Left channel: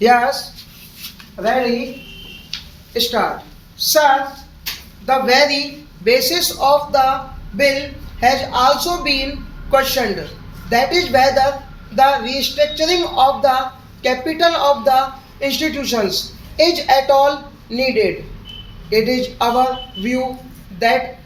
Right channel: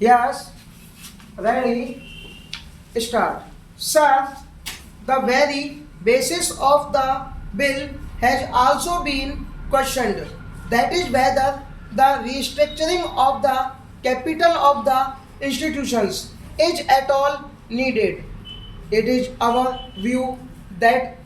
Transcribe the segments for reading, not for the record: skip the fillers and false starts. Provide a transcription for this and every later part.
Yes, ready, start. Sir, the very basis of the bill has also been questioned. That is whether the restructuring of the capital of the institutions is at all needed. It is our view that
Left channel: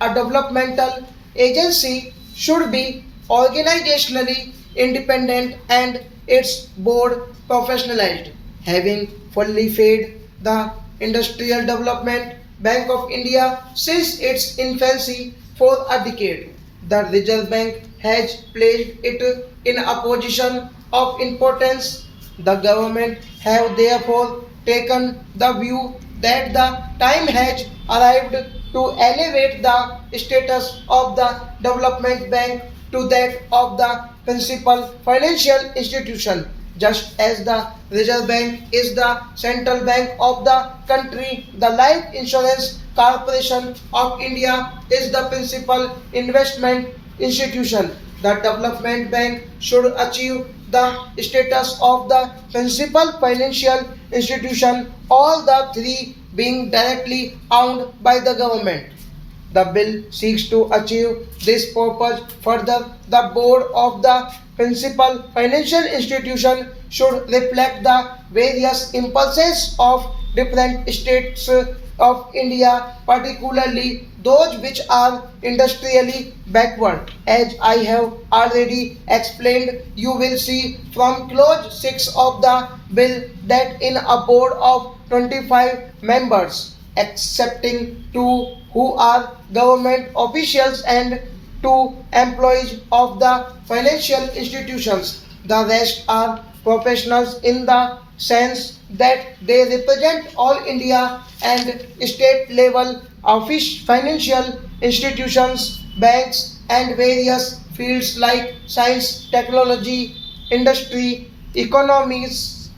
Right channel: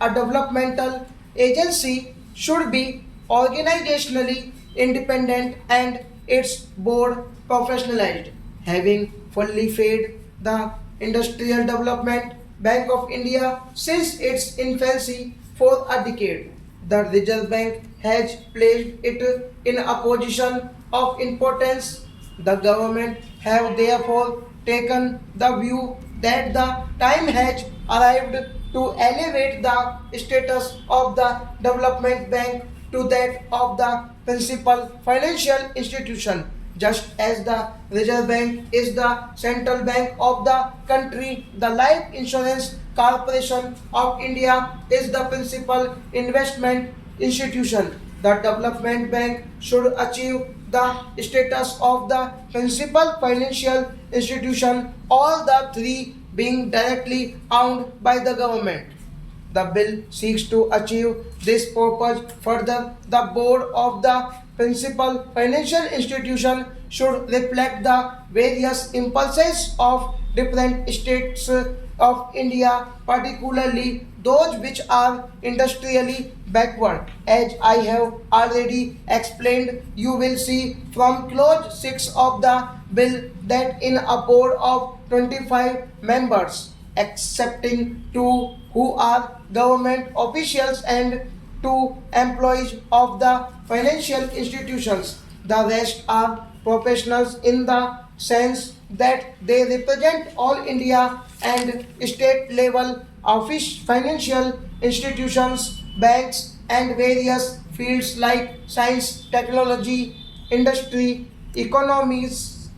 a developmental agency should be organizationally independent and its board professionalized. Having fully fed the Industrial Development Bank of India since its infancy for a decade, the Reserve Bank has placed it in a position of importance. The government have therefore taken the view that the time has arrived to elevate the status of the development bank to that of the principal financial institution. Just as the Reserve Bank is the central bank of the country, the Life Insurance Corporation of India is the principal investment institution. The development bank should achieve the status of the principal financial institution, all the three being directly owned by the government. The bill seeks to achieve this purpose. Further, the board of the principal financial institution should reflect the various impulses of different states of India, particularly those which are industrially backward. As I have already explained, you will see from clause 6 of the bill that in a board of 25 members, excepting two who are government officials and two employees of the financial institutions. The rest are professionals in the sense that they represent all India and state level office financial institutions, banks, and various fields like science, technology, industry, economics,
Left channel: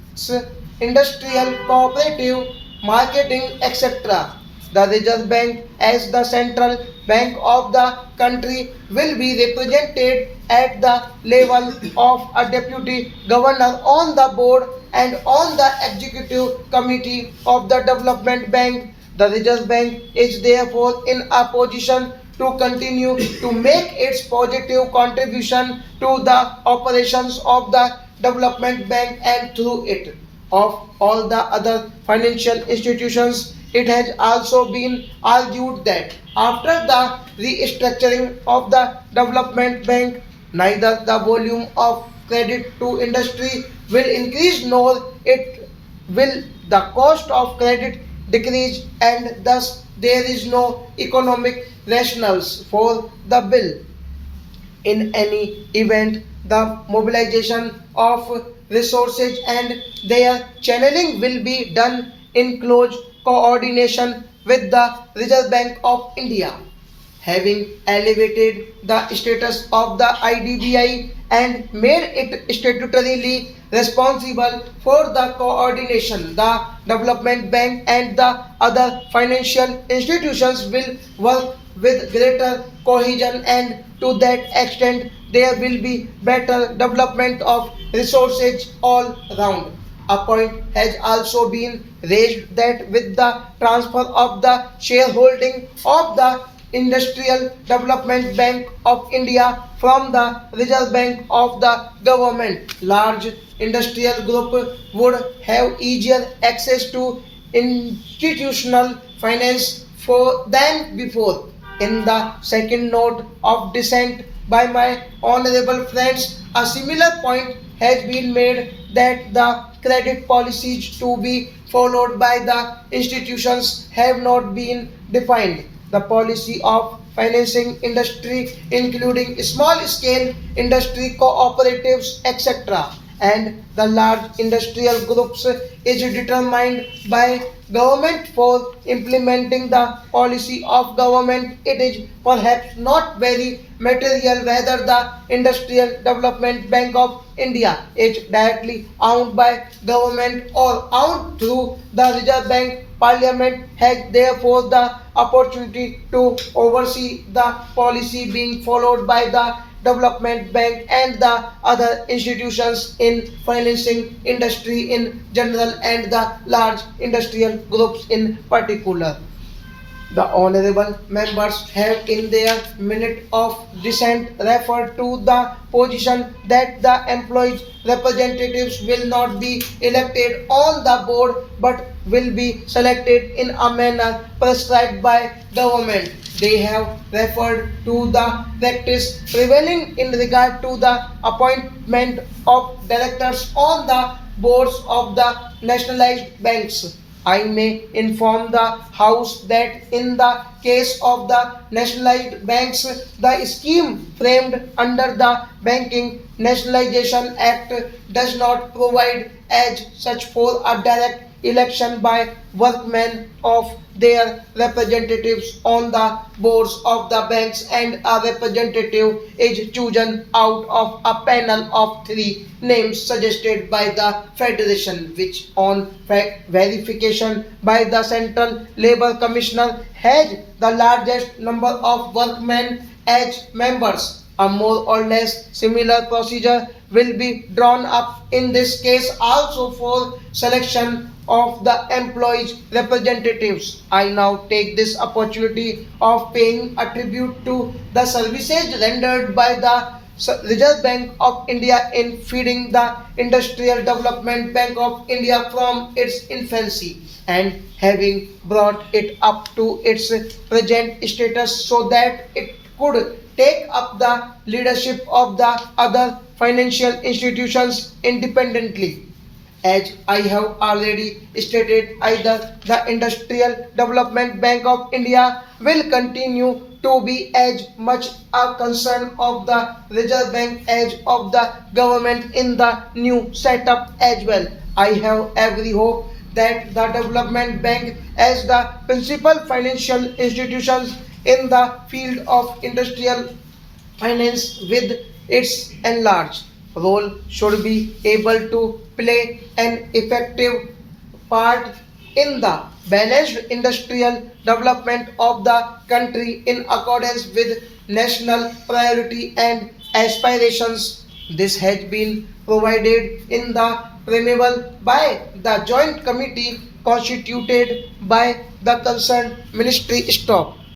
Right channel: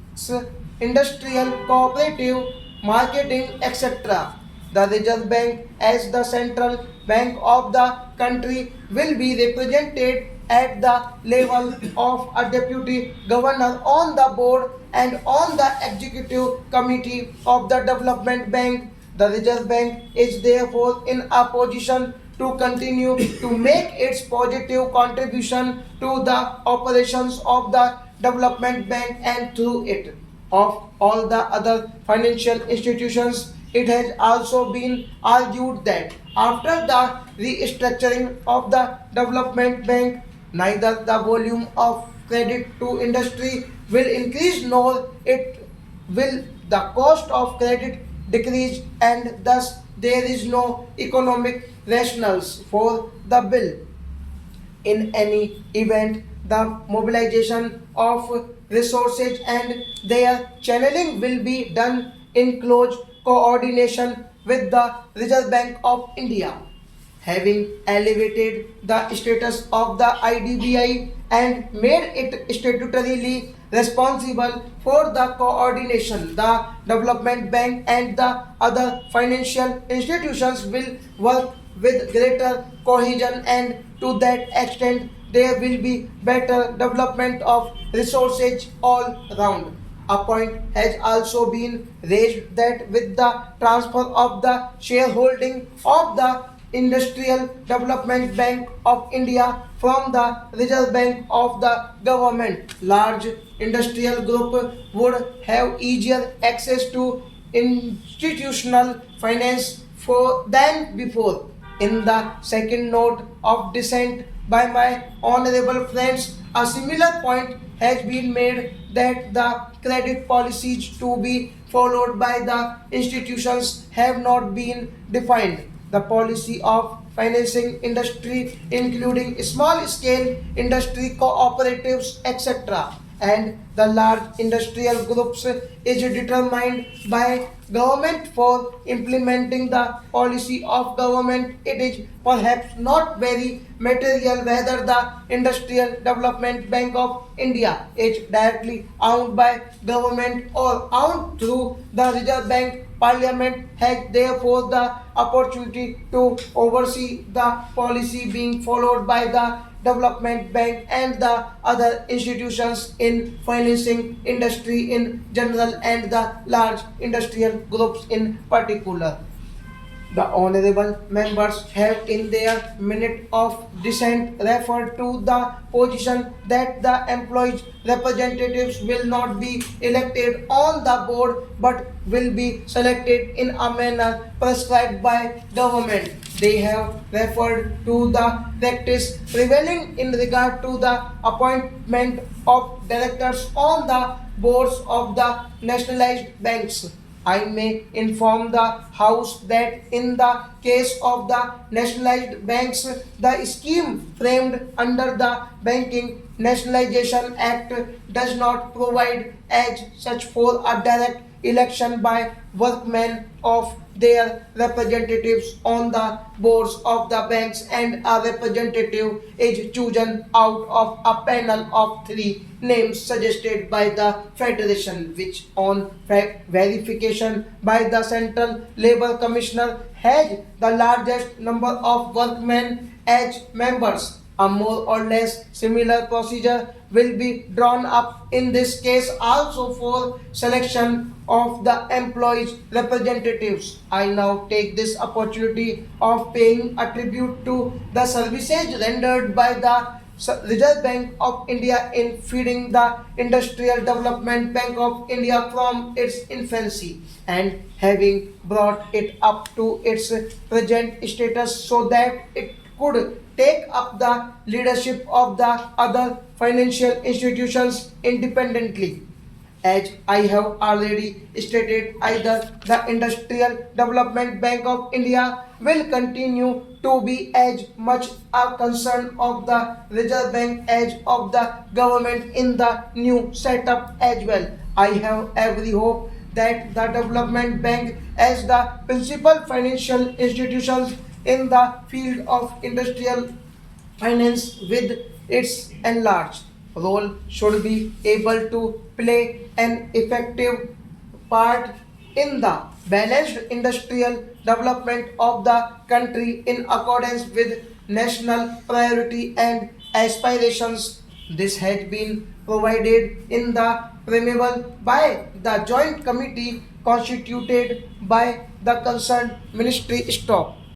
industrial, cooperative, marketing, etc. The Reserve Bank, as the central bank of the country, will be represented at the level of a deputy governor on the board and on the executive committee of the development bank. The Reserve Bank is therefore in a position to continue to make its positive contribution to the operations of the development bank and through it of all the other financial institutions. It has also been argued that after the restructuring of the development bank, neither the volume of credit to industry will increase nor it will the cost of credit decrease, and thus there is no economic rationales for the bill. In any event, the mobilization of resources and their channeling will be done in close coordination with the Reserve Bank of India. Having elevated the status of the IDBI and made it statutorily responsible for the coordination, the development bank and the other financial institutions will work with greater cohesion, and to that extent there will be better development of resources all round. A point has also been raised that with the transfer of the shareholding of the Industrial Development Bank of India from the Reserve Bank of the government, large industrial group would have easier access to institutional finance for than before. In the second note of dissent by my honorable friends, a similar point has been made that the credit policies to be followed by the institutions have not been defined. The policy of financing industry, including small scale industry cooperatives, etc., and the large industrial groups, is determined by government. For implementing the policy of government, it is perhaps not very material whether the Industrial Development Bank of India is directly owned by government or owned through the Reserve Bank. Parliament has therefore the opportunity to oversee the policy being followed by the Development Bank and the other institutions in financing industry in general and the large industrial groups in particular. The honorable members have in their minute of dissent referred to the position that the employees' representatives will not be elected on the board but will be selected in a manner prescribed by government. They have referred to the practice prevailing in regard to the appointment of directors on the boards of the nationalized banks. I may inform the House that in the case of the nationalized banks, the scheme framed under the Banking Nationalization Act does not provide as such for a direct election by workmen of their representatives on the boards of the banks, and a representative is chosen out of a panel of three names suggested by the federation, which on verification by the central labor commissioner has the largest number of workmen as members. A more or less similar procedure will be drawn up in this case also for selection of the employees' representatives. I now take this opportunity of paying a tribute to the services rendered by the Reserve Bank of India in feeding the Industrial Development Bank of India from its infancy and having brought it up to its present status so that it could take up the leadership of the other financial institutions independently. As I have already stated, either the Industrial Development Bank of India will continue to be as much a concern of the Reserve Bank as of the government in the new setup as well. I have every hope that the Development Bank as the principal financial institutions in the field of industrial finance with its enlarged role should be able to play an effective part in the balanced industrial development of the country in accordance with national priority and aspirations. This has been provided in the preamble by the joint committee constituted by the concerned ministry. Stop.